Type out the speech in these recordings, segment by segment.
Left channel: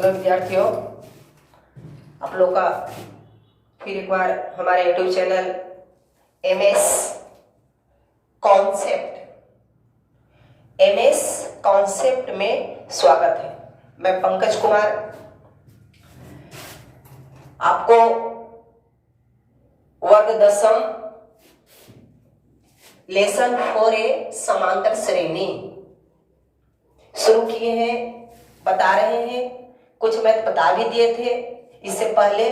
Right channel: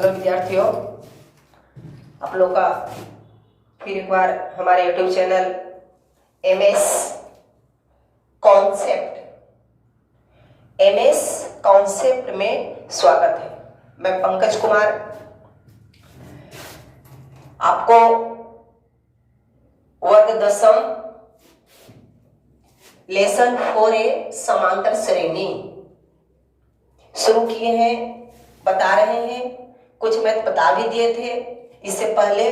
Hello विद्यार्थियों, आप लोग का फिर एक बार हमारे यूट्यूब चैनल एमएस कॉन्सेप्ट में स्वागत है। मैं पंकज कुमार आपको वर्ग दशम लेसन 4A समांतर श्रेणी शुरू किए हैं, बता रहे हैं। कुछ मैथ बता भी दिए थे इससे पहले।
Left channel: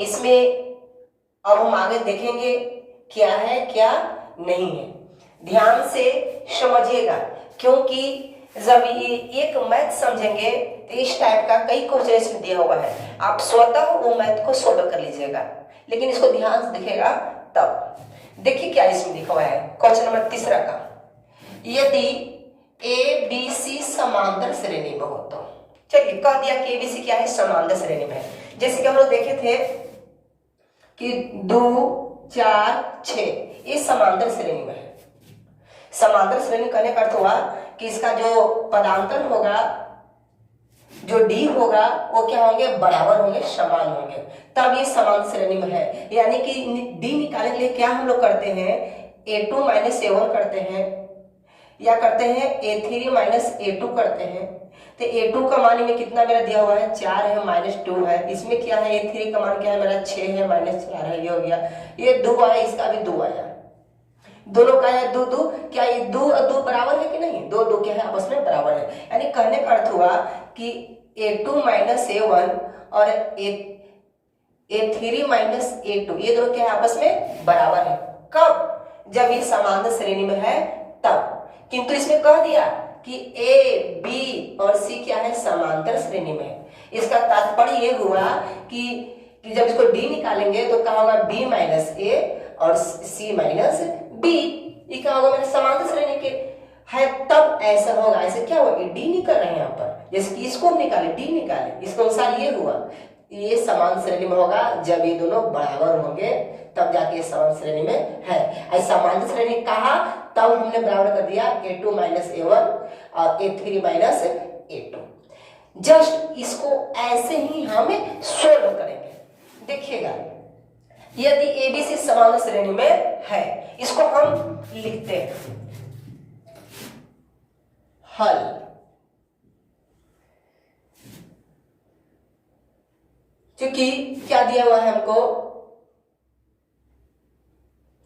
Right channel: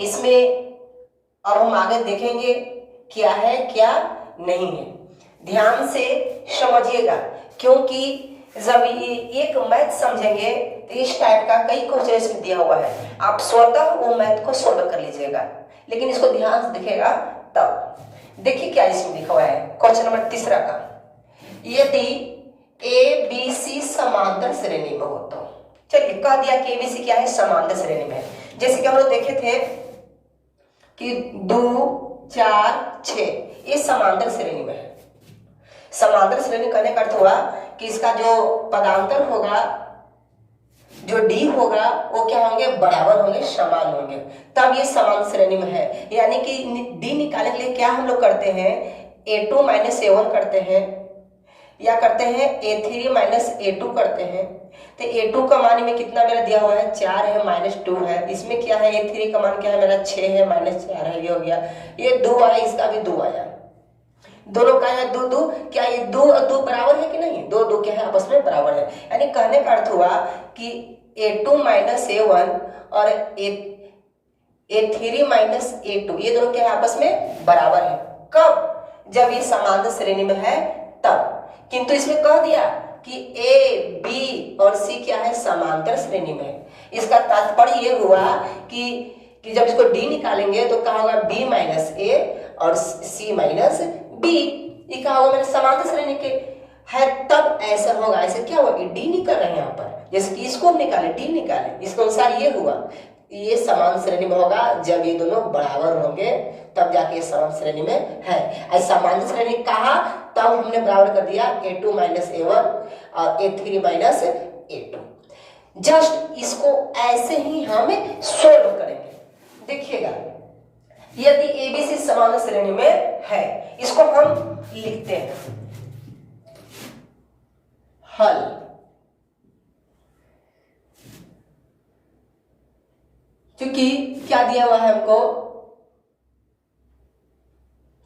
इसमें अब हम आगे देखेंगे क्या है क्या नहीं है। ध्यान से समझिएगा, क्योंकि जब ये एक मैथ समझेंगे तो इस टाइप का कई क्वेश्चन इसमें दिया हुआ है। आप स्वतः वो मैथ को सॉल्व कर लीजिएगा, लेकिन इसको ध्यान से दिखेगा तब। देखिए क्या इसमें लिखा हुआ है, क्वेश्चन नंबर 3 का। यदि ए बी सी समांतर श्रेणी में हो तो, चलिए कह दिया कि एबीसी क्या है, समांतर श्रेणी में है। जैसे कि हम लोग देखे थे कि 2 4 6 ये समांतर श्रेणी में है। समांतर श्रेणी करने का अर्थ हुआ कि इसका जो पदांतर होगा, जो डी होगा, वो क्या होंगे, बराबर होंगे, समान होंगे, तब ये समान श्रेणी में है। यानी कि डी निकालने के लिए क्या हम लोग करते हैं, a2 - a1 करते हैं, या करते हैं a3 - a2 करते हैं। तो a2 का मान में कितना मेरा दिया हुआ है, 4 है, -2 है। इसमें क्या है, a3 का मान क्या है मेरा, 6 है, -4 है। ये हो गया, ये 2 आया, इसका भी 2 आया। दोनों का है 2 2। क्या ये 2 और 2 बराबर है कि नहीं, 2 2 क्या है, आपस में बराबर है। यानी कहने का अर्थ हुआ कि a2 - a1 और a3 - a2 ये दोनों क्या है, आपस में बराबर है। कब, जब ये समांतर श्रेणी में है तब। किंतु इसमें कह दिया कि ए बी और सी क्या है, समांतर श्रेणी में। इसका तात्पर्य ये हुआ कि जब इसको डी निकालेंगे तो क्या होगा, b - a और c - b। ये क्या होगा, मेरे समांतर श्रेणी के है तब ऐसा होगा। ऐसे क्या हुआ, डी निकल रहे हैं यहाँ पर, जैसे कि इसको निकाले, डी निकाले, इसके अनुसार ये हुआ, ये समान श्रेणी में होगा जब ये दोनों बराबर होंगे, तब जाके ये समान श्रेणी में है। ऐसा समांतर श्रेणी कहा तब हमने बराबर कर दिया a2 - a1 और a3 - a2। जस्ट इसको ऐसे ही हम सोल्व करेंगे। देखिएगा, यदि एबीसी समान श्रेणी में है, इसको हम लिखते हैं हल। क्योंकि क्या दिया हुआ है हमको,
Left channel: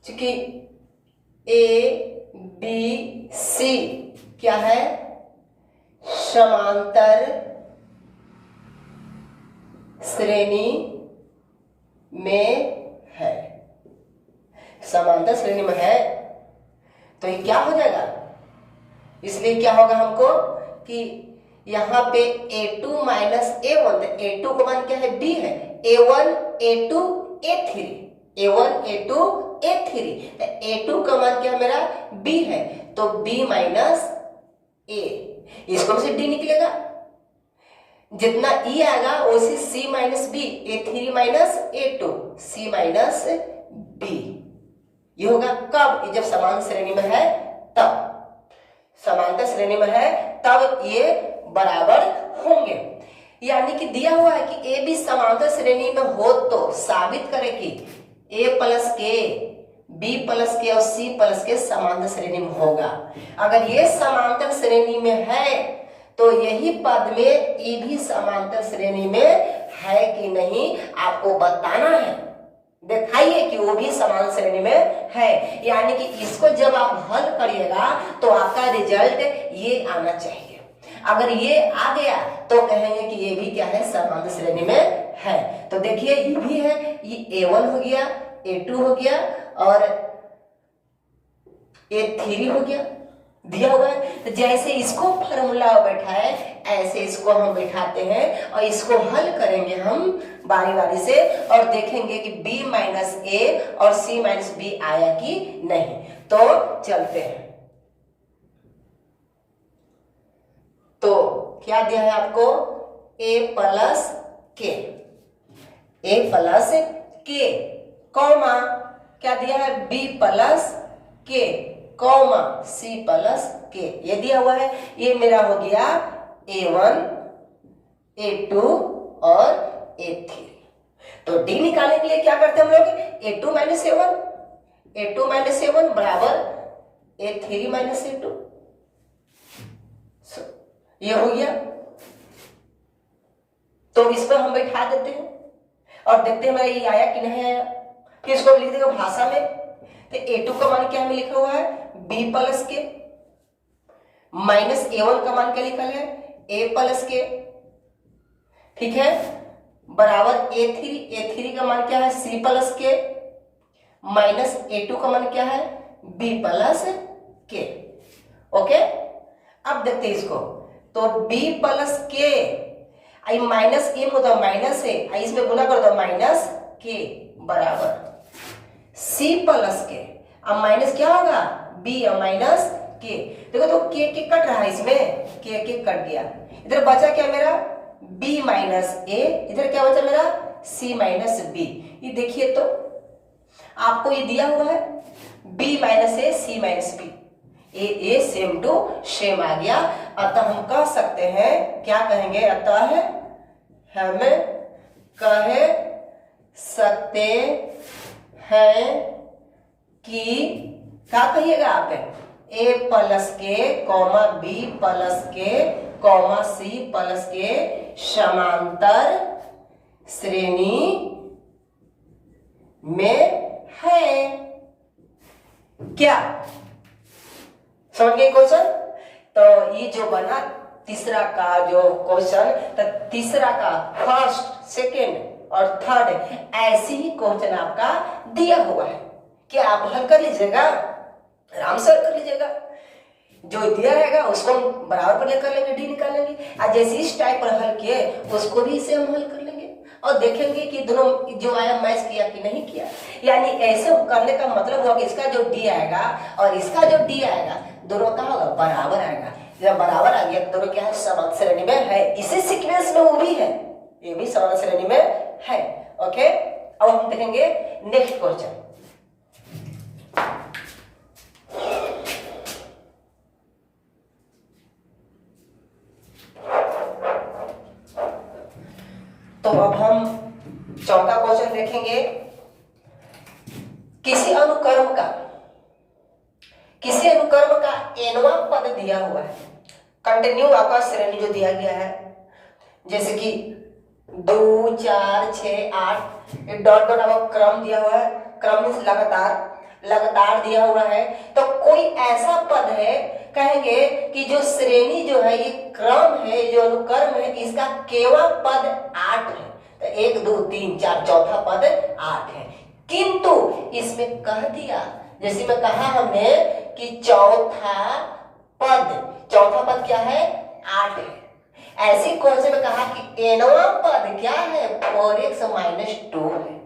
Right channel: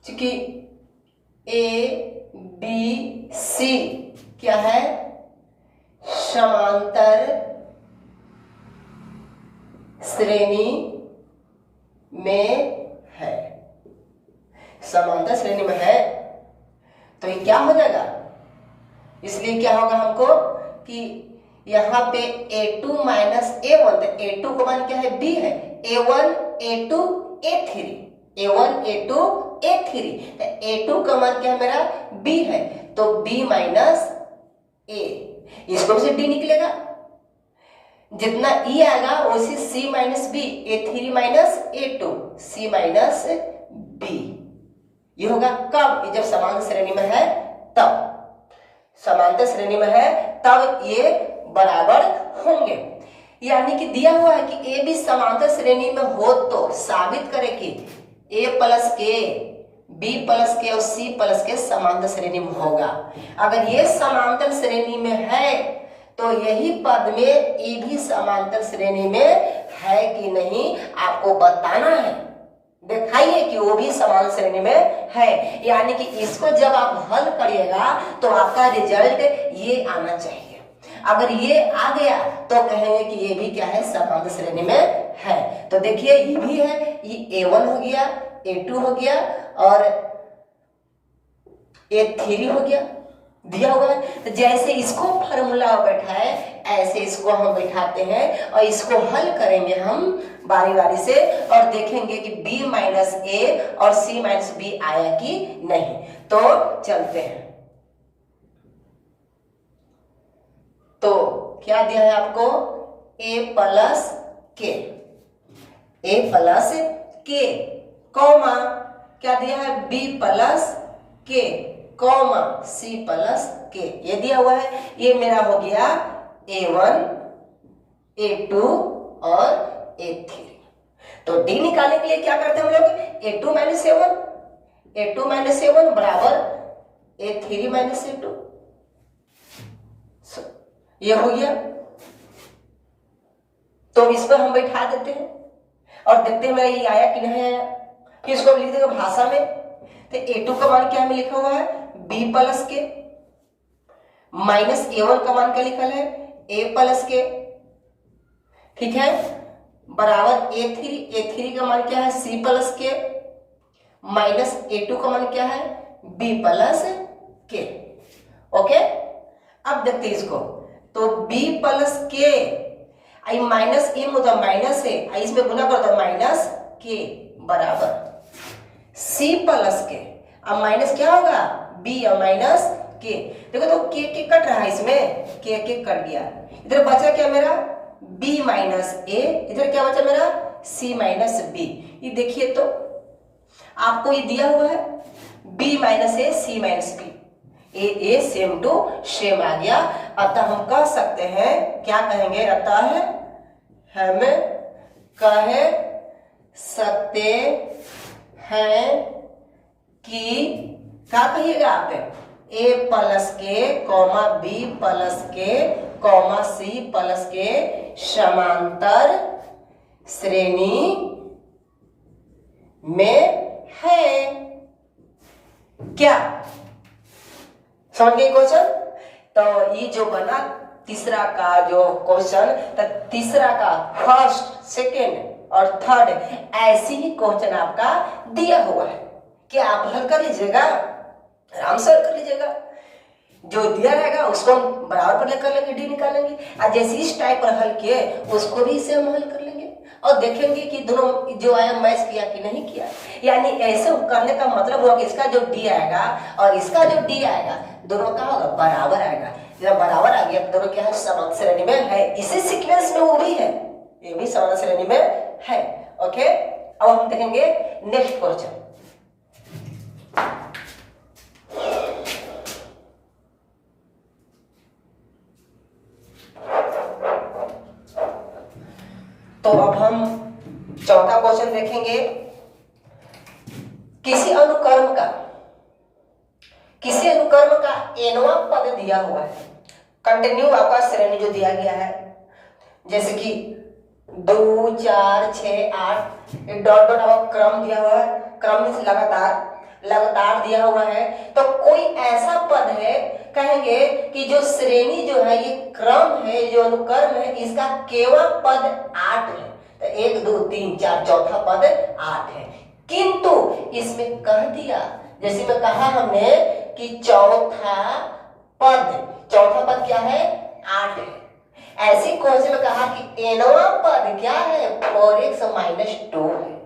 क्योंकि ए बी सी क्या है, समांतर श्रेणी में है। समांतर श्रेणी में है तो ये क्या हो जाएगा, इसलिए क्या होगा हमको कि यहाँ पे a2 - a1, तो a2 का मान क्या है, b है, a1 a2 a3, a1 a2 a3, a2 का मान क्या है मेरा, b है, तो b - a, इसको से d निकलेगा। जितना e आएगा वैसे c - b, a3 - a2, c - b। ये होगा कब, जब समान श्रेणी में है तब। समांतर श्रेणी में है तब ये बराबर होंगे। यानी कि दिया हुआ है कि ए बी समांतर श्रेणी में हो तो साबित करें कि a + k, b + k और c + k समांतर श्रेणी में होगा। अगर ये समांतर श्रेणी में है तो यही पद में ये भी समांतर श्रेणी में है कि नहीं आपको बताना है। दिखाइए कि वो भी समान श्रेणी में है। यानी कि इसको जब आप हल करिएगा तो आपका रिजल्ट ये आना चाहिए। अगर ये आ गया तो कहेंगे कि ये भी क्या है, समांतर श्रेणी में है। तो देखिए ये भी है, ये a1 हो गया, a2 हो गया और a3 हो गया, दिया हुआ है। तो जैसे इसको फॉर्मूला बैठा है ऐसे इसको हम बैठाते हैं और इसको हल करेंगे हम बारी बारी से और देखेंगे कि b - a और c - b आया कि नहीं। तो चलते हैं। तो क्या दिया है आपको, a + k कॉमा क्या दिया है, b + k comma c + k, ये दिया हुआ है। ये मेरा हो गया a1 A2 और A3। तो D निकालने के लिए क्या करते हैं हम लोग, A2 माइनस A1 बराबर A3 माइनस A2। ये हो गया। तो इस पर हम बैठा देते हैं और देखते हैं मेरा ये आया कि नहीं आया। फिर इसको लिख देगा भाषा में। तो A2 का मान क्या हमें लिखा हुआ है, B प्लस के, माइनस A1 का मान क्या लिखा है, A प्लस के, ठीक है, बराबर A3 का मान क्या है, C प्लस के, माइनस A2 का मान क्या है, B प्लस के। ओके, अब देखते हैं इसको। तो B प्लस के आई माइनस ए में होता माइनस है, इसमें गुना करो तो माइनस के बराबर C प्लस के। अब माइनस क्या होगा, B और माइनस के। देखो तो के कट रहा है, इसमें के कट गया। इधर बचा क्या मेरा, B माइनस ए, इधर क्या बचा मेरा, C माइनस बी। ये देखिए तो आपको ये दिया हुआ है B minus A, C minus B, ए सेम टू सेम आ गया। अतः हम कह सकते हैं, क्या कहेंगे, अतः हम कह सकते हैं कि, क्या कहिएगा आप, A प्लस के कॉमा B प्लस के कॉमा C प्लस के समांतर श्रेणी में है। क्या समझ गए क्वेश्चन? तो ये जो बना तीसरा का जो क्वेश्चन, तो तीसरा का फर्स्ट, सेकेंड और थर्ड ऐसे ही क्वेश्चन आपका दिया हुआ है कि आप हल कर लीजिएगा, आराम से हल कर लीजिएगा। जो दिया रहेगा उसको हम बराबर पर लेकर लेंगे, डी निकालेंगे, और जैसे इस टाइप पर हल किए उसको भी इसे हम हल कर लेंगे और देखेंगे कि दोनों जो आया मैच किया कि नहीं किया। यानी ऐसे करने का मतलब हुआ कि इसका जो डी आएगा और इसका जो डी आएगा दोनों का होगा बराबर आएगा। जब बराबर आ गया तो दोनों क्या है, समांतर श्रेणी में है। इसी सीक्वेंस में वो भी है, ये भी समांतर श्रेणी में है। ओके, अब हम देखेंगे नेक्स्ट क्वेश्चन। तो अब हम चौथा क्वेश्चन देखेंगे। किसी अनुक्रम का एनवा पद दिया हुआ है, कंटिन्यू आपका श्रेणी जो दिया गया है, जैसे कि 2 4 6 8 डॉट डॉट आपका क्रम दिया हुआ है, क्रम मीन्स लगातार दिया हुआ है। तो कोई ऐसा पद है, कहेंगे कि जो श्रेणी जो है, ये क्रम है, जो अनुक्रम है, इसका केवल पद 8 है। तो 1 2 3 4 चौथा पद 8 है, किंतु इसमें कह दिया, जैसे में कहा हमने कि चौथा पद क्या है, 8 है। ऐसी कौन से में कहा कि एनवा पद क्या है, 4x माइनस 2 है।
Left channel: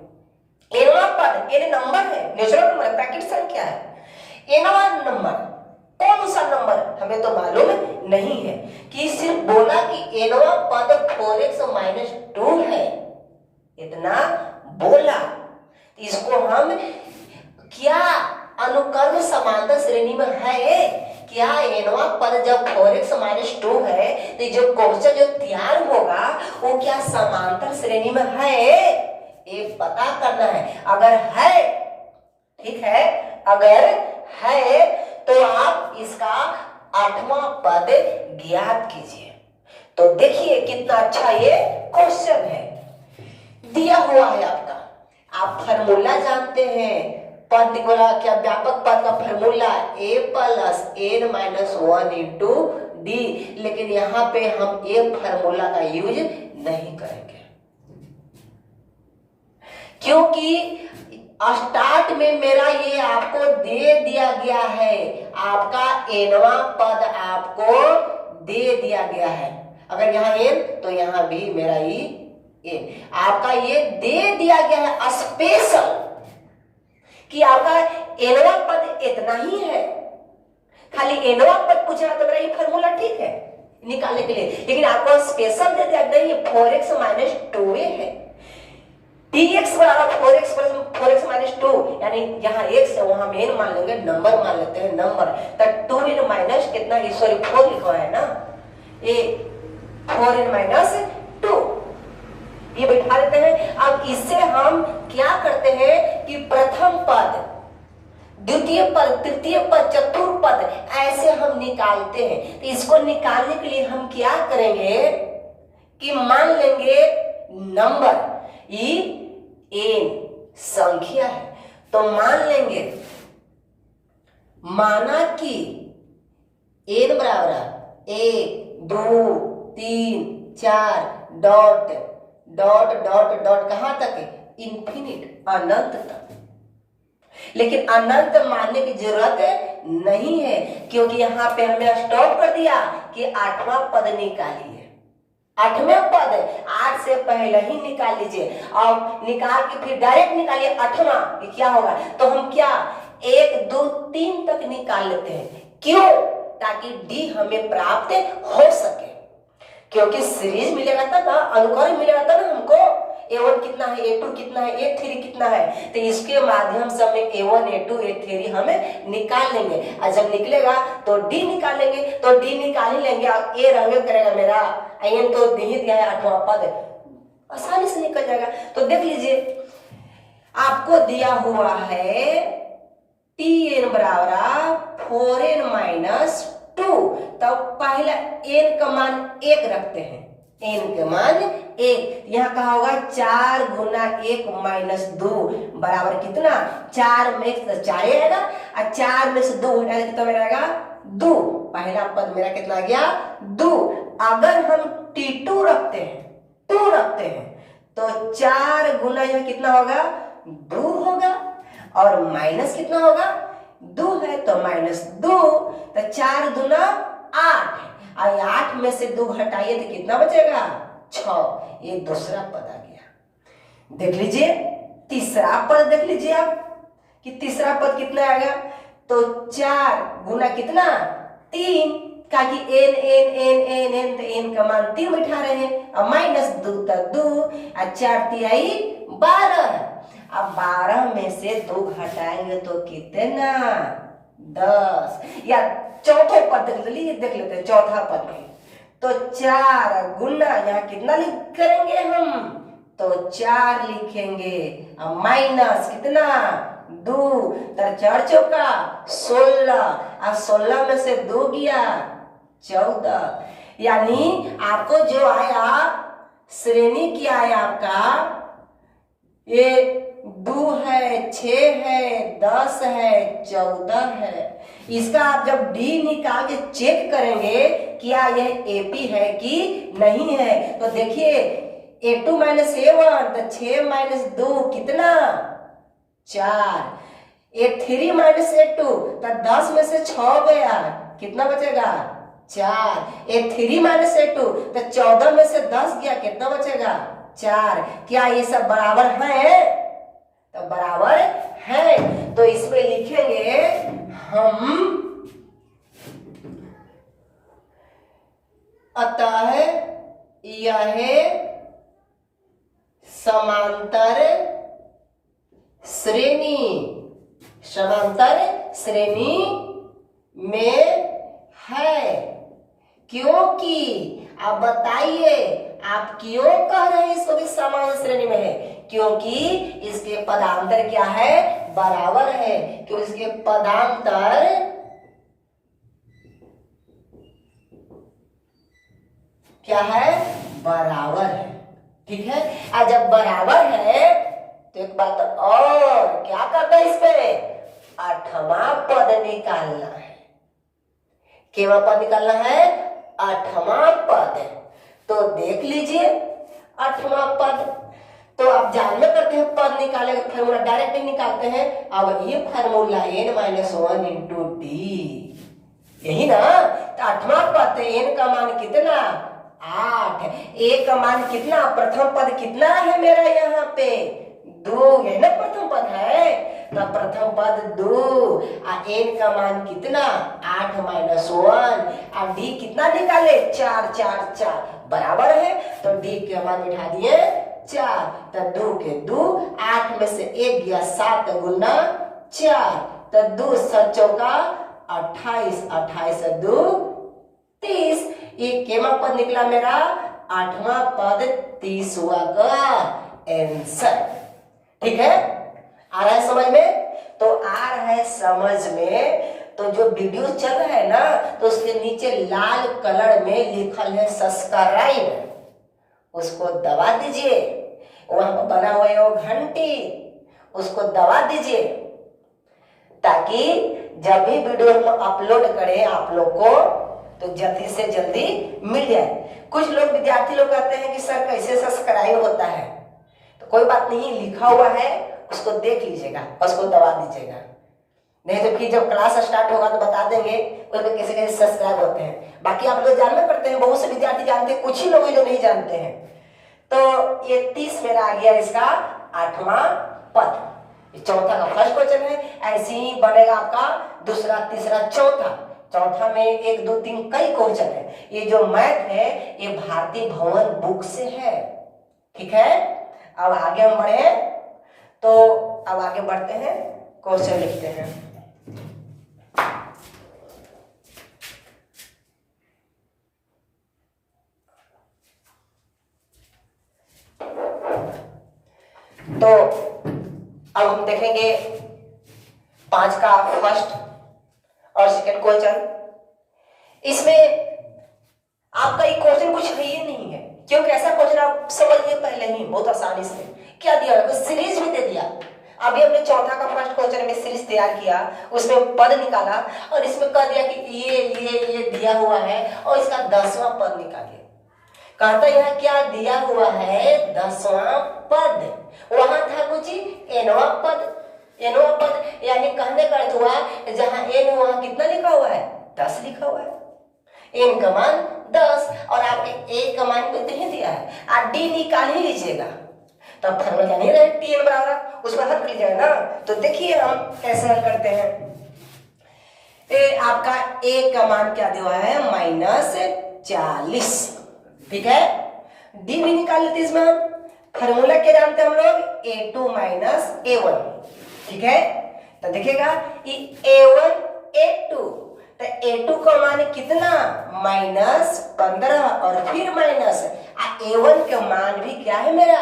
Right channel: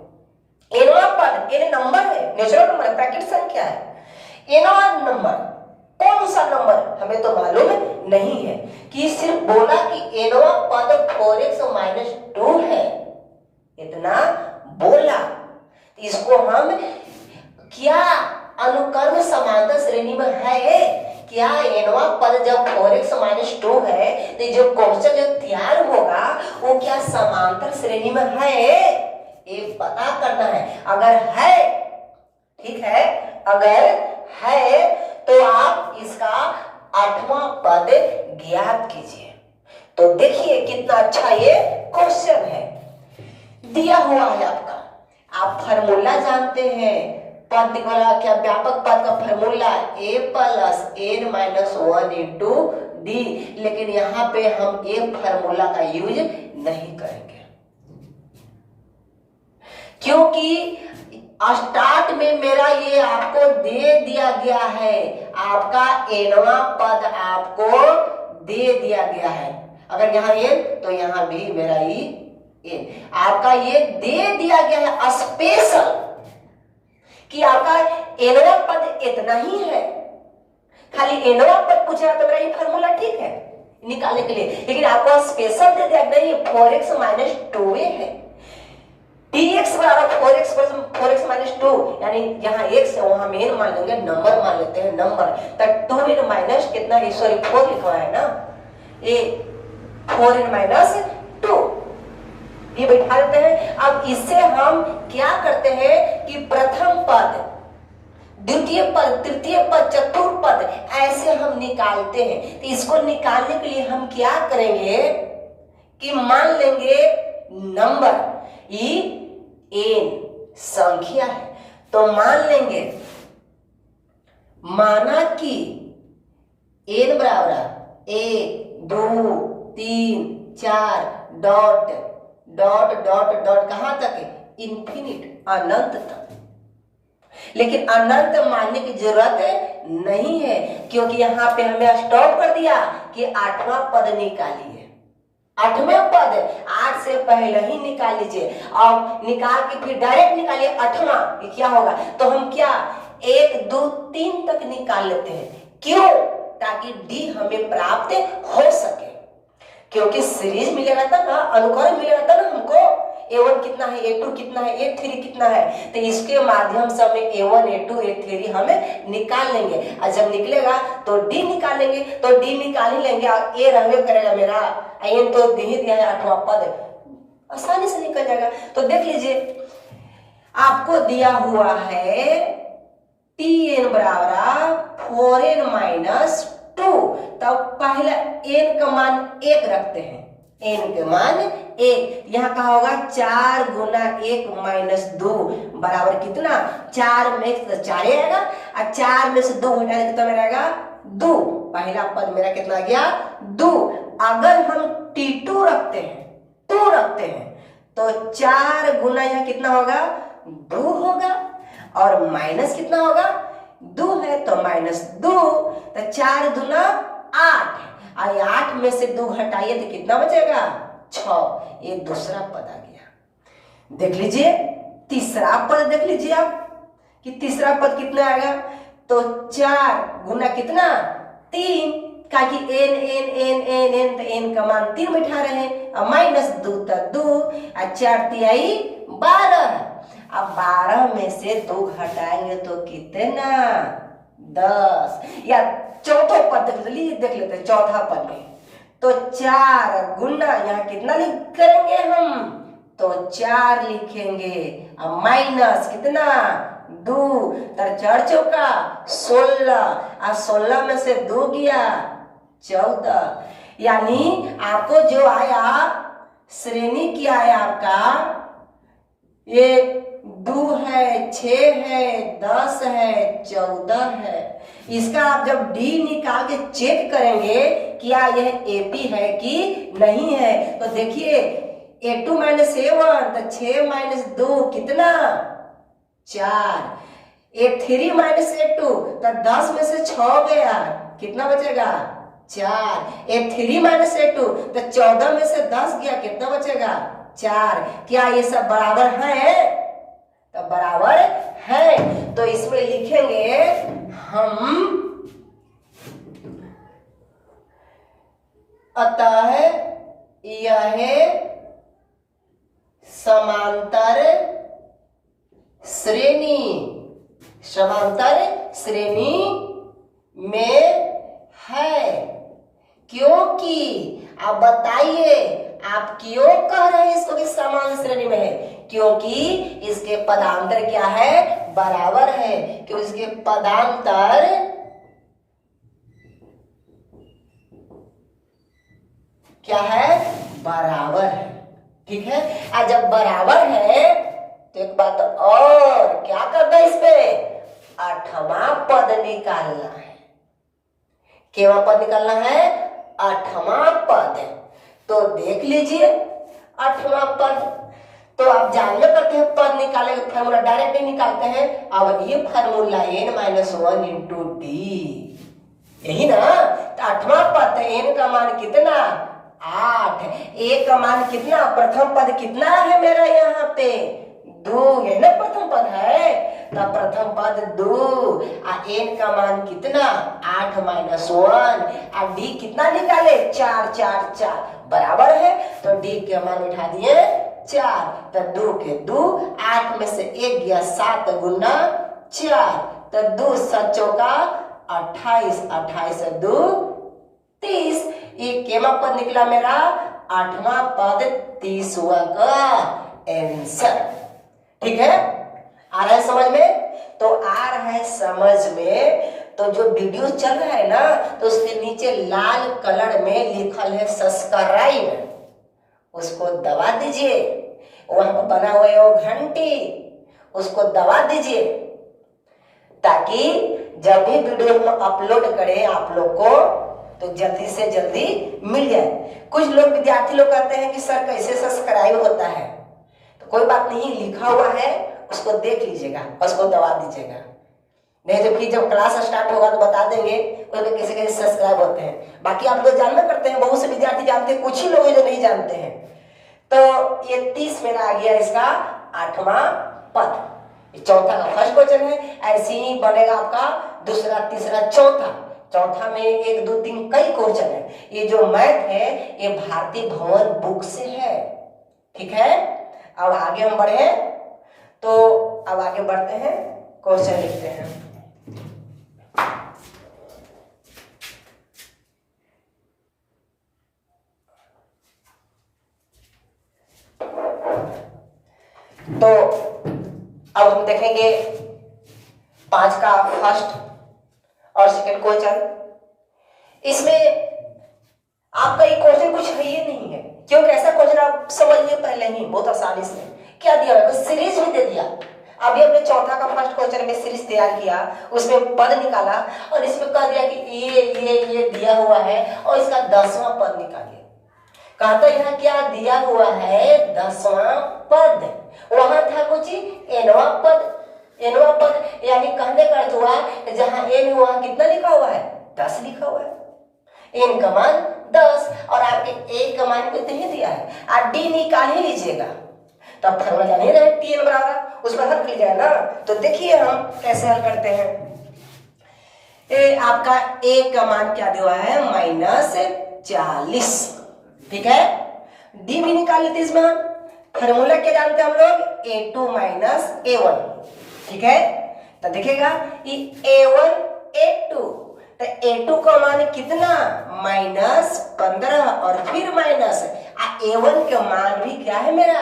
एनवा पद, एन नंबर है, नेचुरल नंबर, प्राकृतिक संख्या है। एनवा नंबर कौन सा नंबर हमें तो मालूम नहीं है, कि सिर्फ बोला कि एनवा पद 4x माइनस 2 है, इतना बोला। इसको हम क्या अनुक्रम समांतर श्रेणी में है, क्या एनवा पद जब 4x माइनस 2 है तो जो क्वेश्चन जो तैयार होगा वो क्या समांतर श्रेणी में है, ये पता करना है। अगर है, ठीक है, अगर है तो आप इसका 8वां पद ज्ञात कीजिए। तो देखिए कितना अच्छा ये क्वेश्चन है, दिया हुआ है आपका। आप फार्मूला जानते हैं, पद बोला क्या, व्यापक पद का formula a plus n minus 1 into D, लेकिन यहाँ पे हम ए फार्मूला का यूज नहीं करेंगे, क्योंकि स्टार्ट में मेरा ये आपको दे दिया गया है, आपका एनवा पद आपको दे दिया गया है। अगर यहाँ एन तो यहाँ भी मेरा ही एन, आपका ये दे दिया गया है स्पेशल, कि आपका एनवा पद इतना ही है। खाली एनवा पद पूछ रहा तो मेरा ये फार्मूला ठीक है निकालने के लिए, लेकिन आपको स्पेशल दे दिया नहीं, ये 4x माइनस 2 है। dx बराबर 4x माइनस 2, यानी यहाँ x है वहां में n मान लेंगे, नंबर मान लेते हैं, नंबर तक 2n माइनस कितना, सॉरी 4 लिखा है ना, ये 4n माइनस 2 ये बैठा देते हैं। अब इससे हम क्या करते हैं कि प्रथम पद, द्वितीय पद, तृतीय पद, चतुर्थ पद ऐसे हम निकालते हैं। तो इसको निकालने के लिए हम क्या करेंगे कि मान लेंगे नंबर ये n संख्या है, तो मान लेंगे, माना कि n बराबर 1 2 3 4 डॉट डॉट डॉट डॉट कहां तक है? इन्फिनिट, अनंत तक। लेकिन अनंत मानने की जरूरत नहीं है, क्योंकि यहां पे हमें स्टॉप कर दिया कि 8वां पद निकालिए। 8वें पद 8 से पहले ही निकाल लीजिए और निकाल के फिर डायरेक्ट निकालिए 8वां, क्या होगा? तो हम क्या 1 2 3 तक निकाल लेते हैं। क्यों? ताकि डी हमें प्राप्त हो सके, क्योंकि सीरीज मिलेगा तब ना, अनुक्रम मिलेगा तब ना हमको A1 कितना है, A2 कितना है, A3 कितना है। तो इसके माध्यम से हमें A1 A2 A3 हमें निकाल लेंगे, और जब निकलेगा तो D निकालेंगे, तो D निकाल ही लेंगे और A रहने करेगा मेरा, n तो दे ही दिया है 8वां पद, आसानी से निकल जाएगा। तो देख लीजिए आपको दिया हुआ है Tn बराबर 4n माइनस 2, तब पहला n का मान 1 रखते हैं, n का मान 1, यहाँ कहा होगा 4 गुना 1 माइनस 2 बराबर कितना? 4 में से 4 आएगा और 4 में से 2 घटा दे कितना रहेगा? 2। पहला पद मेरा कितना आ गया? 2। अगर हम T2 रखते हैं, 2 रखते हैं, तो 4 गुना यहाँ कितना होगा? 2 होगा, और माइनस कितना होगा? 2 है तो माइनस 2, तो 4 दूना 8, और 8 में से 2 घटाइए तो कितना बचेगा? 6। ये दूसरा पद आ गया। देख लीजिए तीसरा पद, देख लीजिए आप कि तीसरा पद कितना आएगा? तो 4 गुना कितना? 3, का कि n n n n n, तो n का मान 3 बैठा रहे, और माइनस 2 तो 2, और 4 तिहाई 12। अब 12 में से 2 घटाएंगे तो कितना? 10। या चौथा पद देख लेते हैं, चौथा पद में तो 4 गुना यहाँ कितना लिख करेंगे हम? तो 4 लिखेंगे, और माइनस कितना? 2, तर 4 चौका 16, और 16 में से 2 गया 14। यानी आपको जो आया श्रेणी क्या है आपका? ये 2 है, 6 है, 10 है, 14 है। इसका आप जब D निकाल के चेक करेंगे क्या यह AP है कि नहीं है, तो देखिए A2 माइनस A1, तो 6 माइनस 2 कितना? 4। A3 माइनस A2, तो 10 में से 6 गया, कितना बचेगा? 4। A3 माइनस A2, तो 14 में से 10 गया, कितना बचेगा? 4। क्या ये सब बराबर है? तो बराबर है। तो इसमें लिखेंगे हम, अतः यह समांतर श्रेणी, समांतर श्रेणी में है। क्योंकि आप बताइए, आप क्यों कह रहे हैं इसको कि समान श्रेणी में है? क्योंकि इसके पदांतर क्या है? बराबर है। क्योंकि इसके पदांतर क्या है? बराबर है। ठीक है, और जब बराबर है तो एक बात और क्या करना है? इस पे 8वां पद निकालना है। केवा पद निकालना है? 8वां पद। तो देख लीजिए 8वां पद, तो आप जानवे करते हैं पद निकाले फार्मूला डायरेक्ट नहीं निकालते हैं। अब ये formula n minus 1 into D, यही ना? तो 8वां पद, n का मान कितना? 8। a का मान कितना? प्रथम पद कितना है मेरा यहाँ पे? 2 है ना, प्रथम पद है, तो प्रथम पद 2, और n का मान कितना? 8 माइनस 1, और d कितना निकाले? 4 4 4 बराबर है, तो d के मान बिठा दिए 4, तो 2 के 2, 8 में से 1 गया, 7 गुना 4, तो 2 7 चौका 28, 28 से 2 30। ये केमा पद निकला मेरा 8वां पद 30वां का आंसर। ठीक है, आ रहा है समझ में? तो आ रहा है समझ में। तो जो वीडियो चल रहा है ना, तो उसके नीचे लाल कलर में लिखल है सब्सक्राइब, उसको दबा दीजिए। वहां पर बना हुआ है वो घंटी, उसको दबा दीजिए, ताकि जब भी वीडियो हम अपलोड करें आप लोग को तो जल्दी से जल्दी मिल जाए। कुछ लोग विद्यार्थी लोग कहते हैं कि सर कैसे सब्सक्राइब होता है, तो कोई बात नहीं, लिखा हुआ है, उसको देख लीजिएगा और उसको दबा दीजिएगा। नहीं तो फिर जब क्लास स्टार्ट होगा तो बता देंगे कैसे कैसे सब्सक्राइब होते हैं। बाकी आप लोग जानना करते हैं, बहुत से विद्यार्थी जानते हैं, कुछ ही लोग जो नहीं जानते हैं। तो ये 30 मेरा आ गया इसका 8वां पद। चौथा का फर्स्ट क्वेश्चन है। ऐसे ही बनेगा आपका दूसरा, तीसरा, चौथा। चौथा में 1 2 3 कई क्वेश्चन है। ये जो मैथ है ये भारतीय भवन बुक से है। ठीक है, अब आगे हम बढ़े, तो अब आगे बढ़ते हैं, क्वेश्चन लिखते हैं। तो अब हम देखेंगे 5 का फर्स्ट और सेकंड क्वेश्चन। इसमें आपका ये क्वेश्चन कुछ है ही नहीं है, क्योंकि ऐसा क्वेश्चन आप समझ लिए पहले ही बहुत आसानी से। क्या दिया है, सीरीज भी दे दिया। अभी हमने चौथा का फर्स्ट क्वेश्चन में सीरीज तैयार किया, उसमें पद निकाला और इसमें कह दिया कि ये दिया हुआ है और इसका 10वां पद निकालिए। कहता यहाँ क्या दिया हुआ है, 10वां पद। वहां था कुछ nवां पद, nवां पद यानी कहने का अर्थ हुआ जहां n हुआ कितना लिखा हुआ है, 10 लिखा हुआ है। n का मान 10 और आपके a का मान नहीं दिया है, आप d निकाल ही लीजिएगा। तो अब फॉर्मूला जान ही रहे, tn बराबर, उस पर हल कर लीजिएगा ना। तो देखिए हम कैसे हल करते हैं। आपका a का मान क्या दिया हुआ है, -40। ठीक है, डी भी निकाल लेते इसमें। फॉर्मूला क्या जानते हैं हम लोग, a2 - a1। ठीक है, तो देखिएगा ये a1 a2, तो a2 का मान कितना, -15 और फिर माइनस a1 का मान भी क्या है मेरा,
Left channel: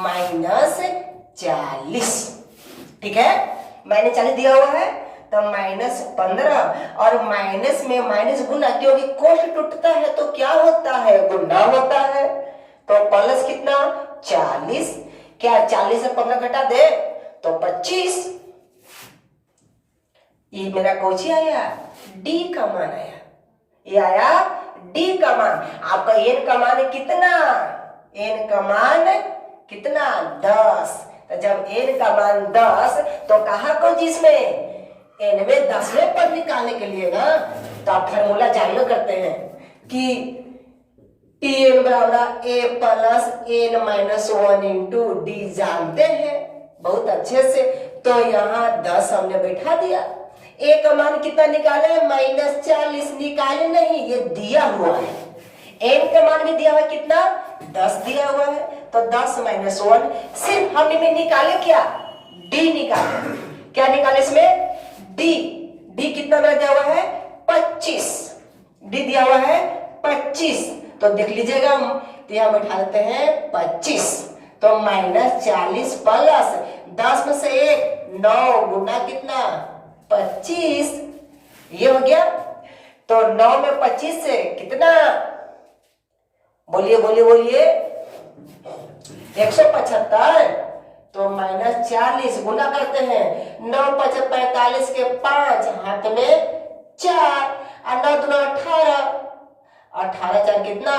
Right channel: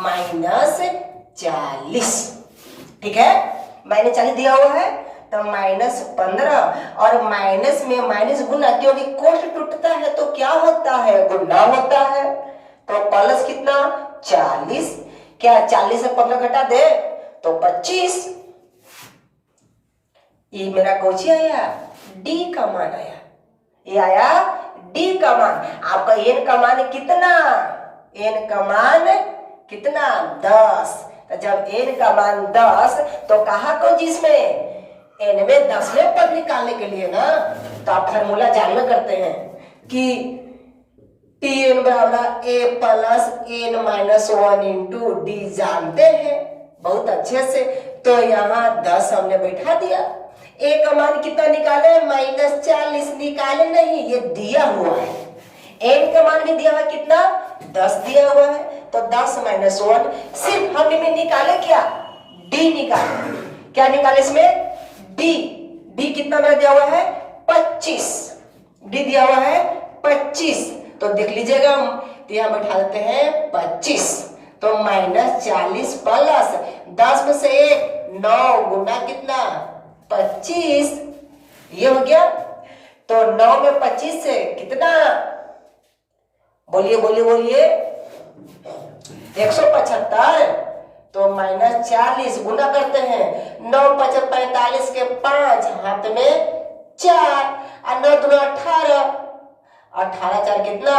-40। ठीक है, -40 दिया हुआ है, तो -15 और माइनस में माइनस गुना, क्योंकि कोष्ठ टूटता है तो क्या होता है, गुना होता है। तो प्लस कितना, 40। क्या 40 से 15 घटा दे तो 25। ये मेरा कौन आया, डी का मान आया। ये आया डी का मान। आपका एन का मान कितना, एन का मान कितना, 10। तो जब एन का मान 10 तो कहा को जिसमें एन में 10वें पद निकालने के लिए ना, तो आप फॉर्मूला जानना करते हैं कि Tn बराबर a plus n minus 1 into D, जानते हैं बहुत अच्छे से। तो यहाँ 10 हमने बैठा दिया। a का मान कितना निकाले, -40 निकाले नहीं, ये दिया हुआ है। n का मान भी दिया हुआ कितना, 10 दिया हुआ है। तो 10 - 1, सिर्फ हमने निकाले क्या, d निकाले। क्या निकाले इसमें, डी कितना मेरा दिया हुआ है, 25। डी दिया हुआ है 25, तो देख लीजिएगा, तो यहां बैठा देते हैं 25। तो -40 प्लस 10 में से 1, 9 गुना कितना, 25। ये हो गया। तो 9 में 25 से कितना, बोलिए बोलिए बोलिए, 175। तो -40 गुना करते हैं, 9 × 5 = 45 के 5 हाथ में 4 और 9 दूना 18, 18 4 कितना,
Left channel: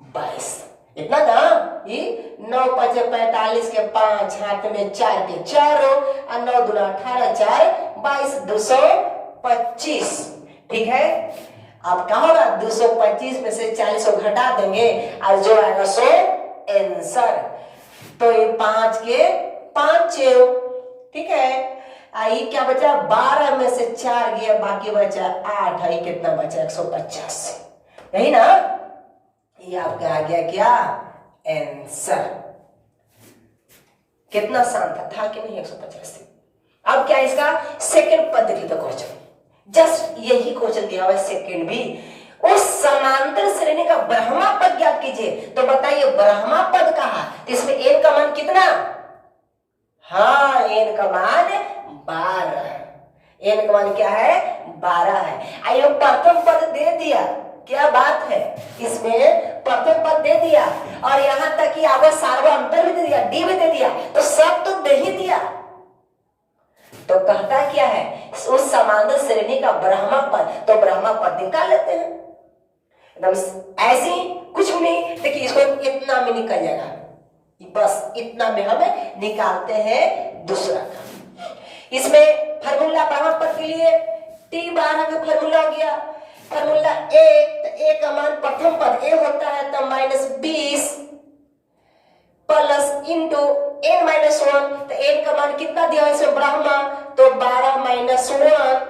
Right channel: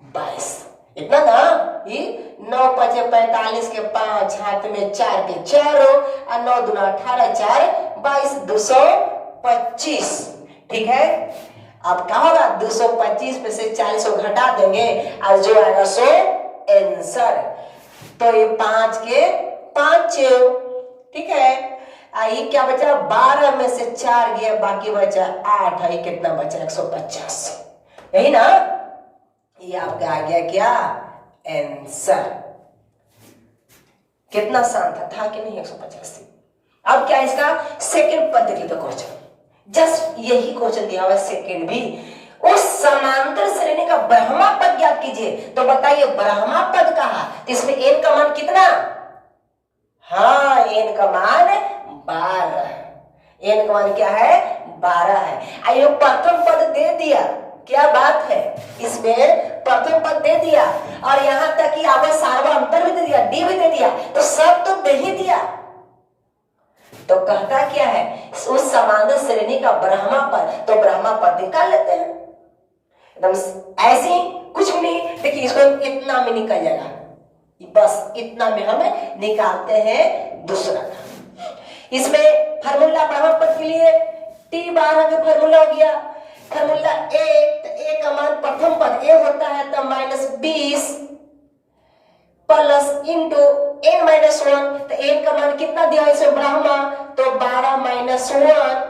22। इतना ना, ये 9 × 5 = 45 के 5 हाथ में 4 के 4 और 9 दूना 18, 4 22, 225। ठीक है, अब क्या होगा, 225 में से 40 को घटा देंगे और जो आएगा सो आंसर। तो ये 5 के 5। ठीक है, आई क्या बचा, 12 में से 4 गया, बाकी बचा 8 है, कितना बचा, 185। यही ना, ये आपका आ गया क्या, आंसर। कितना आसान था कि नहीं, 185। अब क्या इसका सेकंड पद देख लीजिए क्वेश्चन, जस्ट यही क्वेश्चन दिया हुआ है सेकंड भी। उस समांतर श्रेणी का ब्रह्मा पद ज्ञात कीजिए। तो बताइए ब्रह्मा पद कहा, तो इसमें n का मान कितना? हाँ, n का मान 12। n का मान क्या है? 12 है। आइए प्रथम पद दे दिया, क्या बात है, इसमें प्रथम पद दे दिया और यहां तक कि आपको सार्वअंतर भी दे दिया, डी भी दे दिया, तो सब तो दे ही दिया। तो कहता क्या है, उस समांतर श्रेणी का ब्रह्मा पद, तो ब्रह्मा पद निकाल लेते हैं एकदम ऐसे ही, कुछ भी नहीं। देखिए इसको इतना में निकल जाएगा, बस इतना में हम निकालते हैं दूसरा का। इसमें फार्मूला ब्रह्मा पद के लिए T12 का फार्मूला हो गया, फार्मूला ए, तो ए का मान प्रथम पद ए होता है तो -20 प्लस इंटू n -1, तो n का मान कितना दिया है इसे ब्रह्मा, तो 12 -1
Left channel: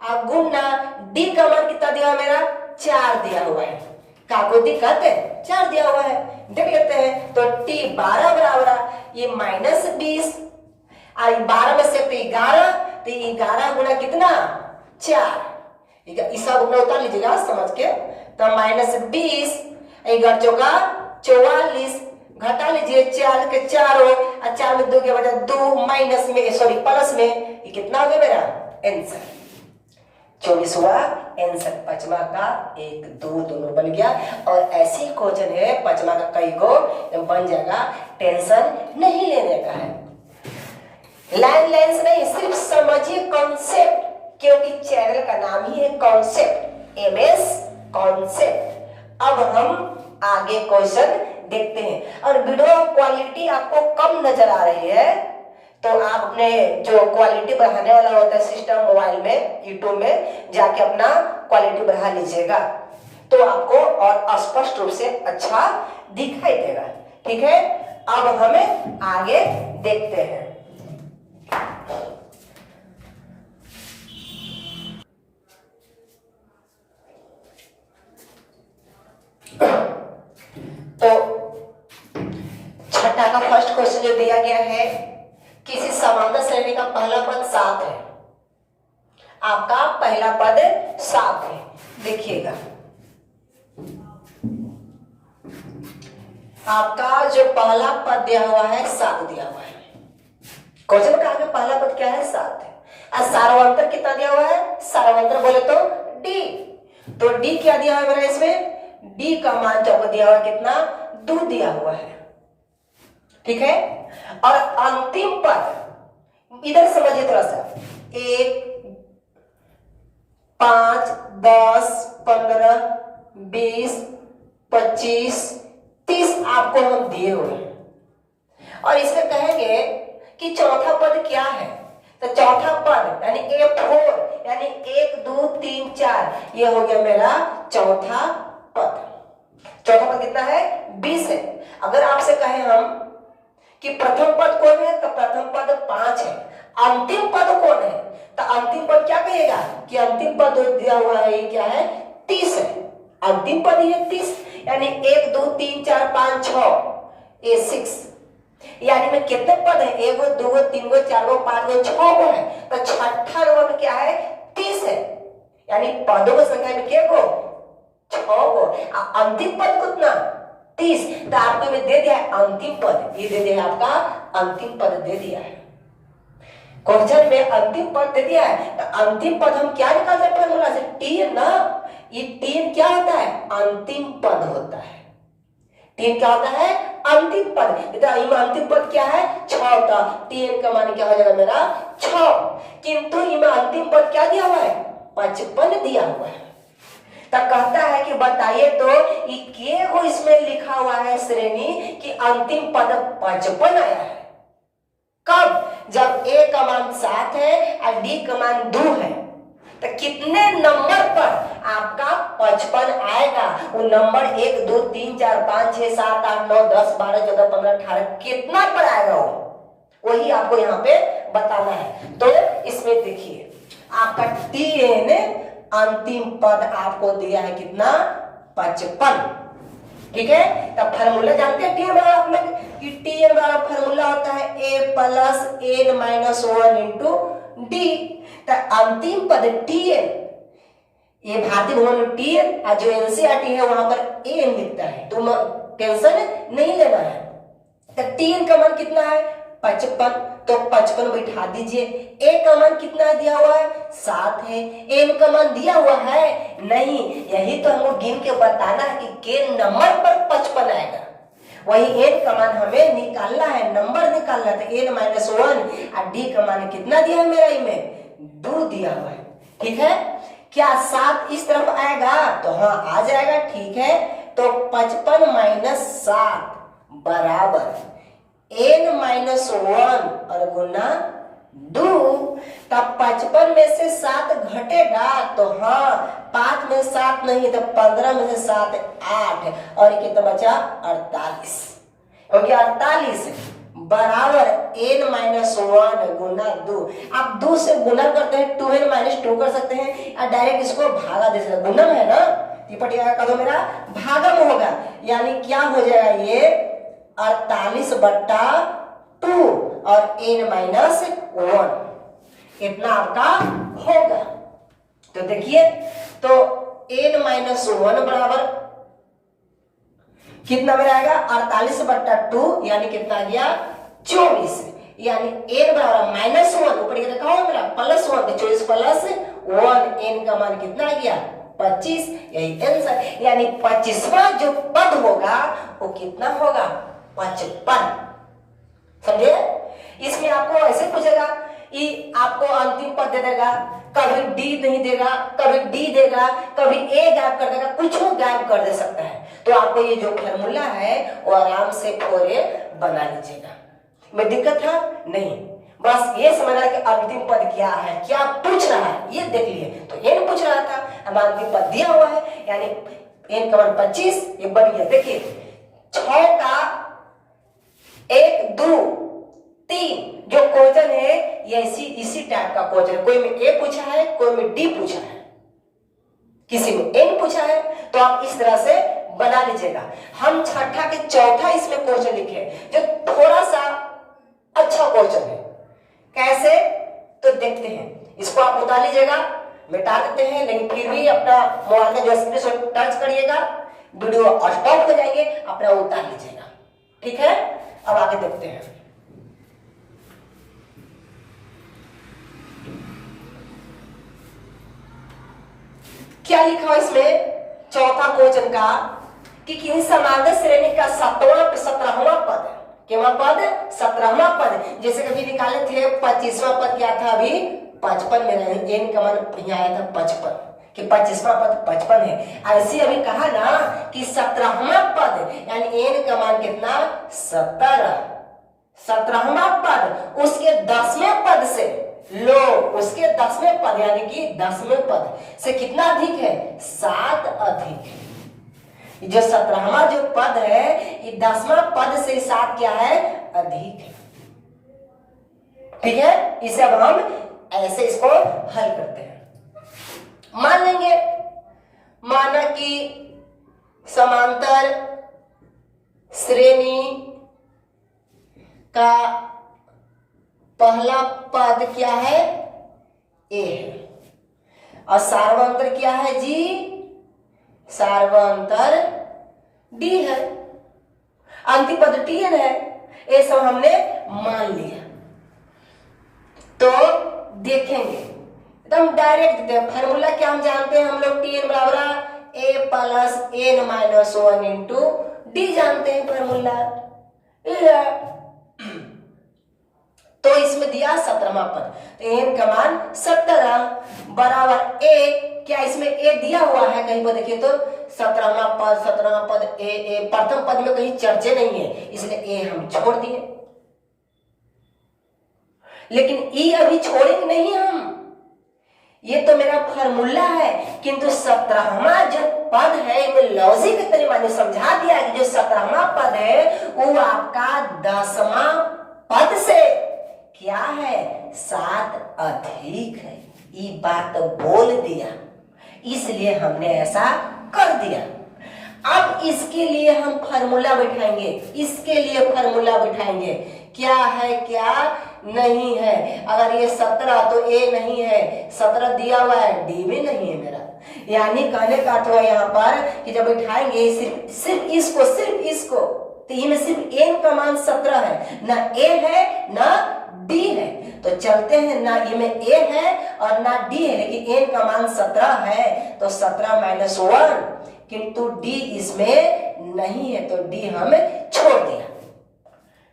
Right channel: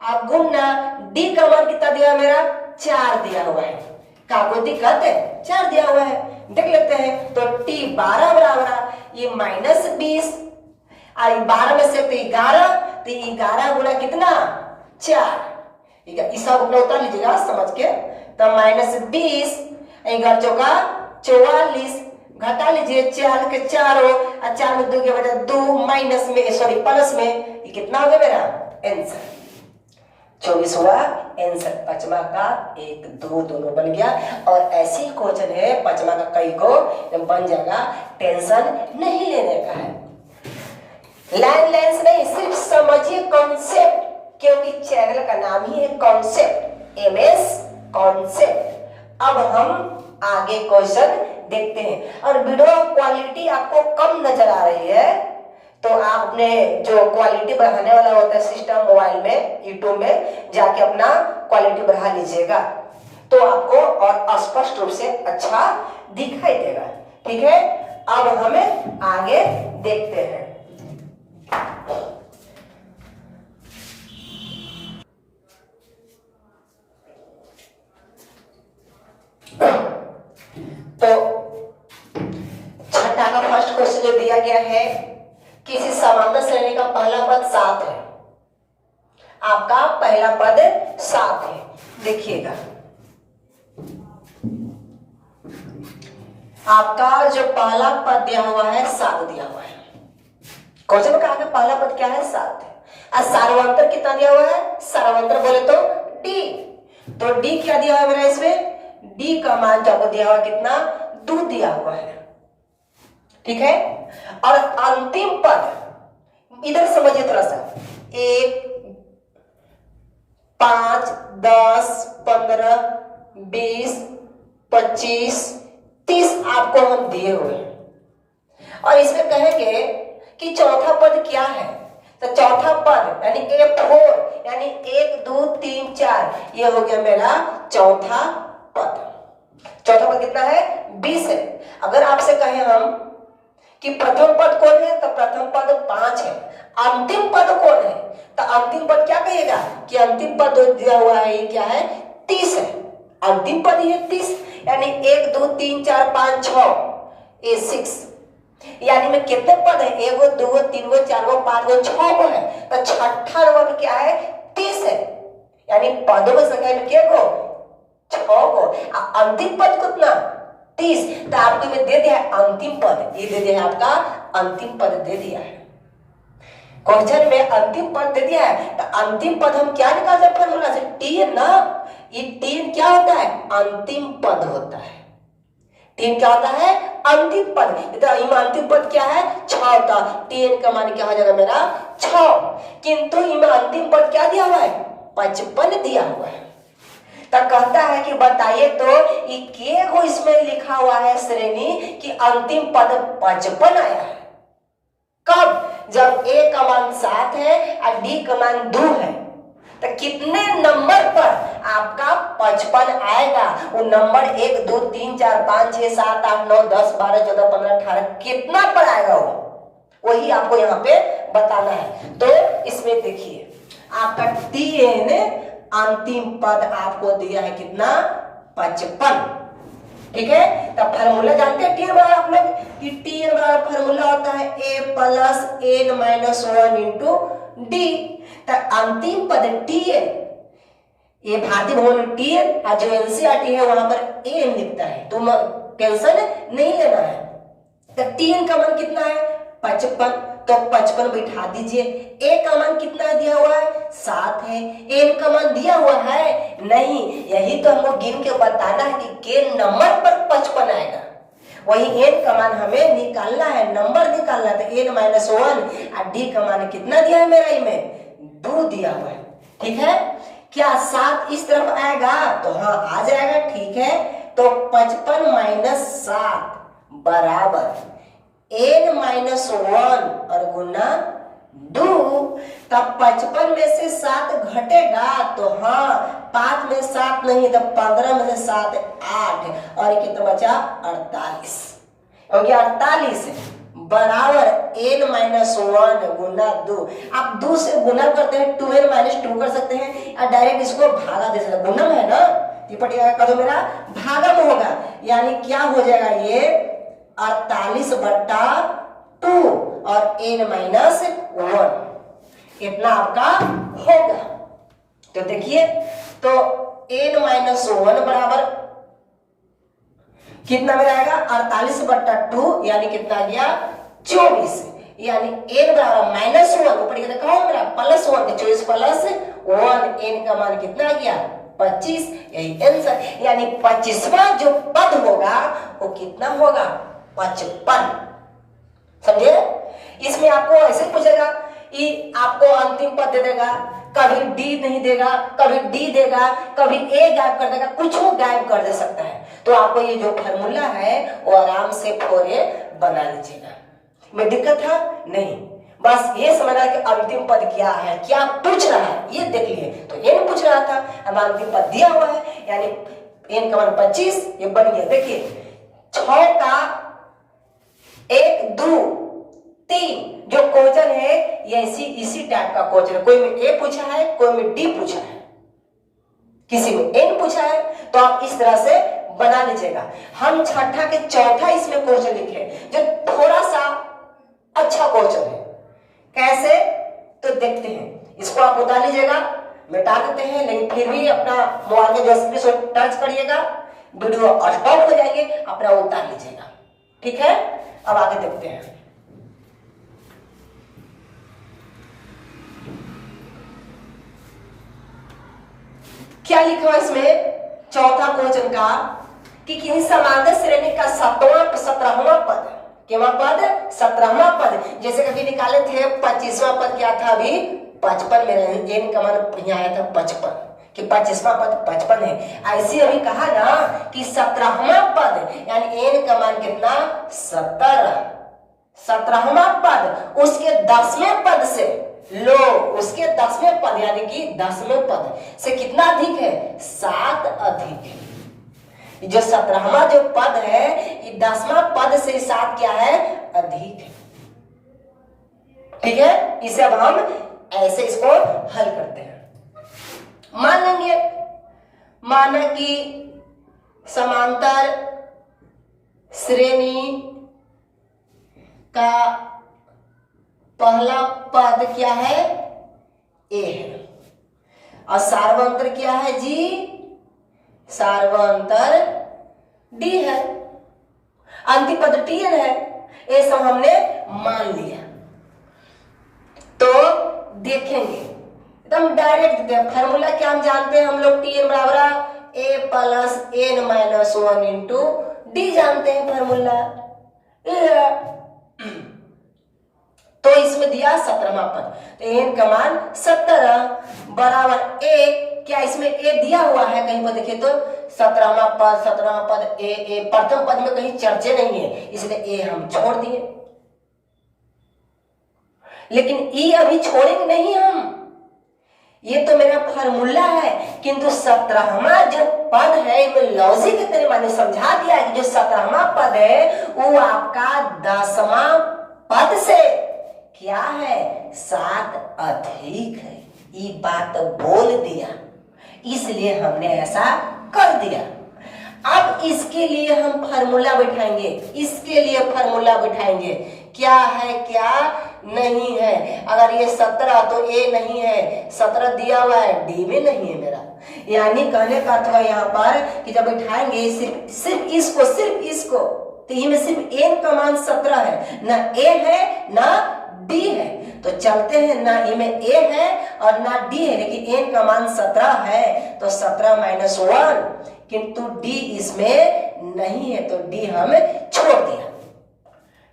अब गुना d का मान कितना दिया है मेरा 4 दिया हुआ है। का कोई दिक्कत है? 4 दिया हुआ है, देख लेते हैं। तो T12 बराबर ये -20 और 12 में से 11, तो 11 गुना कितना 4, इस सब अपना उतार लीजिएगा समझ के। तो -20 11 चौका 44, घटा लीजिए 4 के 4 और 4 में 2 के बजाय 2 माइनस में सॉरी प्लस में, ये कितना हो गया मेरा आंसर 24 हुआ आंसर। पचमा का 1 2 दोनों बन गया। और ऐसी क्वेश्चन है पचमा का कई को बन जाएगा, टेंशन नहीं लेने का है। लाइन लेंस नहीं, सिर्फ समझिए कॉन्सेप्ट, क्योंकि चैनल का नाम ही है कॉन्सेप्ट, MS कॉन्सेप्ट। अब हम आगे क्वेश्चन देखते हैं। और वीडियो क्वालिटी आपको कम नजर आ रही है तो आप अपने जो क्वालिटी बढ़ाने वाला होता है सिस्टम मोबाइल में, यूट्यूब में जाके अपना क्वालिटी बढ़ा लीजिएगा, तो आपको और स्पष्ट रूप से अच्छा दिखाई देगा। ठीक है, अब हमें आगे देखते हैं। तो छठा का फर्स्ट क्वेश्चन जो दिया गया है, किसी समांतर श्रेणी का पहला पद 7 है, आपका पहला पद 7 है। देखिएगा आपका जो पहला पद दिया हुआ है 7 दिया हुआ है। क्वेश्चन का पहला पद क्या है 7 है। और सार्वंतर कितना दिया हुआ है, सार्वंतर बोले तो D, तो D क्या दिया हुआ मेरा इसमें, D का मान जो आपको दिया हुआ कितना 2 दिया हुआ है। ठीक है, और अंतिम पद इधर समझिए थोड़ा सा, 1 5 10 15 20 25 30 आपको हम दिए हुए हैं। और इसमें कहेंगे कि चौथा पद क्या है, तो चौथा पद यानी A4 यानी 1 2 3 4, ये हो गया मेरा चौथा पद। चौथा पद कितना है 20 है। अगर आपसे कहें हम कि प्रथम पद कौन है, तो प्रथम पद 5 है। अंतिम पद कौन है, तो अंतिम पद क्या कहिएगा कि अंतिम पद दिया हुआ है ये क्या है 30 है। अंतिम पद ये 30 यानी 1 2 3 4 5 6 ये 6, यानी में कितने पद है 1 2 3 4 5 6 को है, तो छठा नंबर क्या है 30 है। यानी पदों की संख्या में क्या को 6 को, अंतिम पद कितना 30, तो आपको में दे दिया है अंतिम पद, ये दे दिया है आपका अंतिम पद दे दिया है। क्वेश्चन में अंतिम पद दे दिया है, तो अंतिम पद हम क्या निकाल सकते हैं फॉर्मूला से, T ना, ये T क्या होता है अंतिम पद होता है। T क्या होता है अंतिम पद, तो अंतिम पद क्या है 6 होता, T का मान क्या हो जाएगा मेरा 6, किंतु इनमें अंतिम पद क्या दिया हुआ है 55 दिया हुआ है। तो कहता है कि बताइए तो ये के को इसमें लिखा हुआ है श्रेणी कि अंतिम पद 55 आया है। कब, जब A का मान 7 है और D का मान 2 है, तो कितने नंबर पर आपका 55 आएगा, वो नंबर 1 2 3 4 5 6 7 8 9 10 12 14 15 18 कितना पर आएगा वही आपको यहाँ पे बताना है। तो इसमें देखिए आपका TN अंतिम पद आपको दिया है कितना 55। ठीक है, तो फार्मूला जानते हैं TN बराबर आप लोग, कि TN बराबर फार्मूला होता है A plus N -1 into D। तो अंतिम पद TN ये भारतीय भवन में टीएन और जो एनसीईआरटी है वहां पर एन लिखता है, तो टेंशन नहीं लेना है। तो टीएन का मान कितना है 55, तो 55 बैठा दीजिए। ए का मान कितना दिया हुआ है 7 है। एन का मान दिया हुआ है नहीं, यही तो हमको गिन के बताना है कि के नंबर पर 55 आएगा, वही एन का मान हमें निकालना है, नंबर निकालना है। तो एन माइनस 1 और डी का मान कितना दिया है मेरा में 2 दिया हुआ है। ठीक है, क्या 7 इस तरफ आएगा तो हाँ आ जाएगा। ठीक है, तो 55 माइनस 7 बराबर एन माइनस 1 और गुना 2। तब 55 में से 7 घटेगा तो हाँ 5 में 7 नहीं, तो 15 में से 7 8 और कितना बचा 48 हो गया। 48 बराबर एन माइनस 1 गुना 2। आप 2 से गुना करते हैं 2n माइनस 2 कर सकते हैं और डायरेक्ट इसको भागा दे सकते हैं। गुणन है ना, ये का तो मेरा भागम होगा, यानी क्या हो जाएगा ये 48 बट्टा 2 और n माइनस 1 इतना आपका होगा। तो देखिए, तो n माइनस 1 बराबर कितना में आएगा 48 बट्टा 2 यानी कितना गया 24, यानी n बराबर माइनस 1 ऊपर कहा मेरा प्लस 1, 24 प्लस 1 n का मान कितना गया 25, यही आंसर। यानी 25वां जो पद होगा वो कितना होगा 55। समझे? इसमें आपको ऐसे पूछेगा कि आपको अंतिम पद दे देगा, कभी डी नहीं देगा, कभी डी देगा, कभी ए गायब कर देगा, कुछ वो गायब कर दे सकता है। तो आपको ये जो फॉर्मूला है वो आराम से पूरे बना लीजिएगा, में दिक्कत है नहीं। बस ये समझना कि अंतिम पद क्या है, क्या पूछ रहा है ये देख लिए। तो एन पूछ रहा था, अब अंतिम पद दिया हुआ है, यानी एन का मान 25 ये बन गया। देखिए 6 का 1 2 3 जो क्वेश्चन है ये इसी टाइप का क्वेश्चन, कोई में ए पूछा है, कोई में डी पूछा है, किसी में एन पूछा है, तो आप इस तरह से बना लीजिएगा। हम छठा के चौथा इसमें क्वेश्चन लिखे जो थोड़ा सा अच्छा क्वेश्चन है। कैसे? तो देखते हैं, इसको आप उतार लीजिएगा, मिटा देते हैं, लेकिन फिर भी अपना मोबाइल का जो स्क्रीन टच करिएगा, वीडियो स्टॉप हो जाएंगे, अपना उतार लीजिएगा। ठीक है, अब आगे देखते हैं। क्या लिखा है इसमें चौथा क्वेश्चन का कि किसी समांतर श्रेणी का 17वां पद, केवा पद 17वां पद, जैसे कभी निकाले थे 25वां पद क्या था अभी 55 में, एन का मान यहाँ आया था 55 कि 25वां पद 55 है। ऐसे अभी कहा ना कि 17वां पद यानी एन का मान कितना 17, 17वां पद उसके 10वें पद से लो, उसके 10वें पद यानी कि 10वें पद से कितना अधिक है 7 अधिक है। जो 17वां जो पद है ये 10वां पद से 7 क्या है अधिक है। ठीक है, इसे अब हम ऐसे इसको हल करते हैं। मान लेंगे, माना कि समांतर श्रेणी का पहला पद क्या है ए है और सार्वंतर क्या है जी, सार्वंतर डी है, अंतिम पद टीएन है, ये सब हमने मान लिया। तो देखेंगे एकदम डायरेक्ट फॉर्मूला क्या हम जानते हैं हम लोग, टीएन बराबर A plus N minus 1 into D जानते हैं फॉर्मूला। तो इसमें दिया 17वां पद, तो एन का मान 17 बराबर ए, क्या इसमें ए दिया हुआ है कहीं पर देखिए तो 17वां पद ए प्रथम पद में कहीं चर्चे नहीं है, इसलिए ए हम छोड़ दिए। लेकिन ई अभी छोड़ेंगे नहीं हम, ये तो मेरा फॉर्मूला है, किंतु 17वां जो पद है वो लॉजिक तरीके मैंने समझा दिया कि जो 17वां पद है वो आपका 10वां पद से क्या है 7 अधिक है, ये बात बोल दिया, इसलिए हमने ऐसा कर दिया। अब इसके लिए हम फार्मूला बैठाएंगे, इसके लिए फार्मूला बैठाएंगे क्या है, क्या नहीं है। अगर ये 17 तो ए नहीं है, 17 दिया हुआ है, डी में नहीं है मेरा। यानी कहने का तो है यहाँ पर कि जब बैठाएंगे सिर्फ इसको तो इनमें सिर्फ एन का मान 17 है, ना ए है ना डी है। तो चलते हैं, ना इनमें ए है और ना डी है, लेकिन एन का मान 17 है, तो 17 माइनस 1, किंतु डी इसमें नहीं है, तो डी हम छोड़ दिया।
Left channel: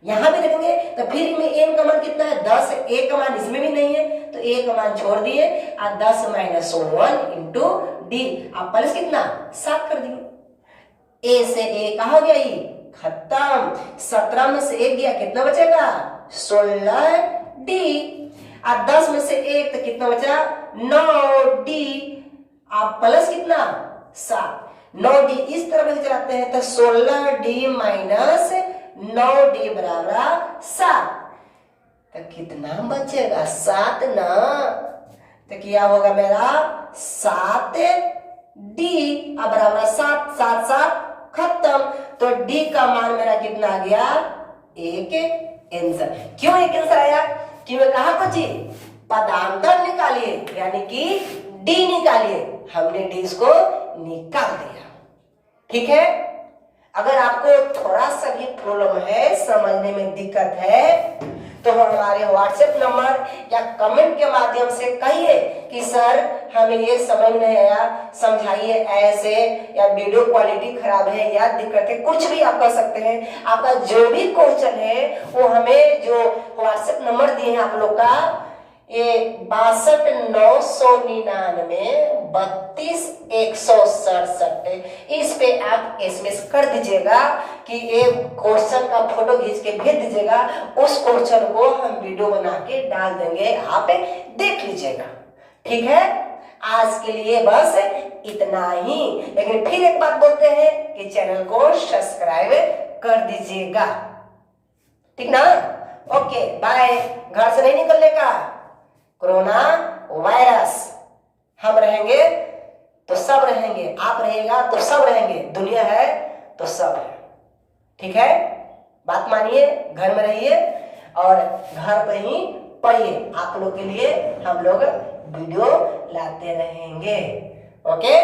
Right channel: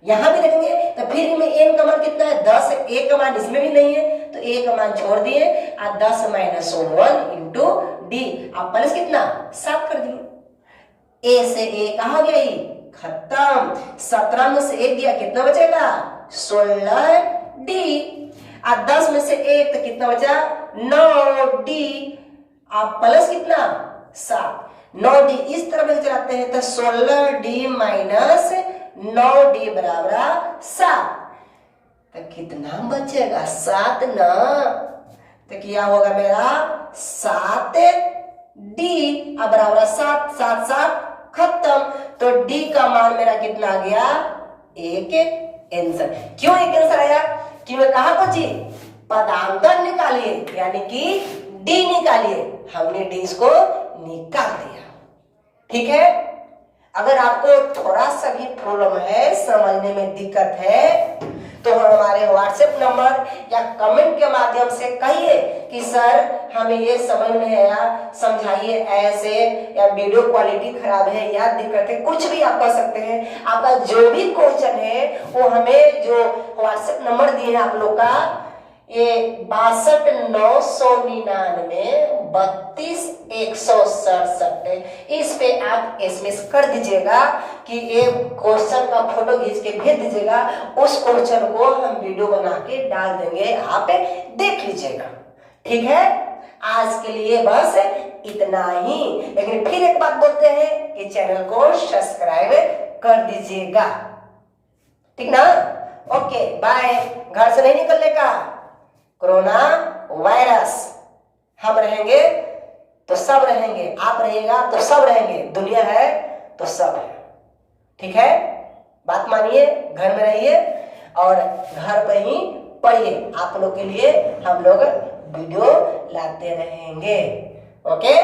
यहां भी रखेंगे तो फिर इनमें एन का मान कितना है, 10 है, ए का मान इसमें भी नहीं है, तो ए का मान छोड़ दिए और 10 माइनस 1 इंटू डी, आप प्लस कितना 7 कर दिए। ए से ए कहा गया, ये खत्म। 17 में से 1 गया, कितना बचेगा 16 डी, और 10 में से 1 तो कितना बचा 9 डी, आप प्लस कितना 7, 9 डी इस तरफ लेके चलाते हैं तो 16 डी माइनस 9 डी बराबर 7, तो कितना बचेगा 7 ना, तो क्या होगा मेरा 7 डी अब बराबर 7, 7 7 खत्म। तो डी का मान मेरा कितना आ गया 1 आंसर। क्यों 1 आंसर आया, कि मैं कहा कुछ पदांतर निकालिए, यानी कि डी निकालिए, हमने डी को निकाल दिया। ठीक है, अगर आपको थोड़ा सा भी प्रॉब्लम है, समझने में दिक्कत है, तो हमारे व्हाट्सएप नंबर या कमेंट के माध्यम से कहिए कि सर हमें ये समझ नहीं आया, समझाइए ऐसे, या वीडियो क्वालिटी खराब है या दिक्कत है, कुछ भी आप कह सकते हैं। आपका जो भी क्वेश्चन है वो हमें जो व्हाट्सएप नंबर दिए हैं आप लोग का, ये 62 999 32 167, इस पे आप एसएमएस कर दीजिएगा कि ये क्वेश्चन का फोटो खींच के भेज दीजिएगा, उस क्वेश्चन को हम वीडियो बना के डाल देंगे, आप देख लीजिएगा। ठीक है, आज के लिए बस इतना ही, लेकिन फिर एक बात बोलते हैं कि चैनल को सब्सक्राइब कर दीजिएगा। ठीक ना, ओके बाय। घर से नहीं निकलने का, कोरोना वायरस, हम रहेंगे तो सब रहेंगे, आप रहिएगा तो सब रहेंगे, दुनिया है तो सब है। ठीक है, बात मानिए, घर में रहिए और घर पे ही पढ़िए, आप लोग के लिए हम लोग वीडियो लाते रहेंगे। ओके।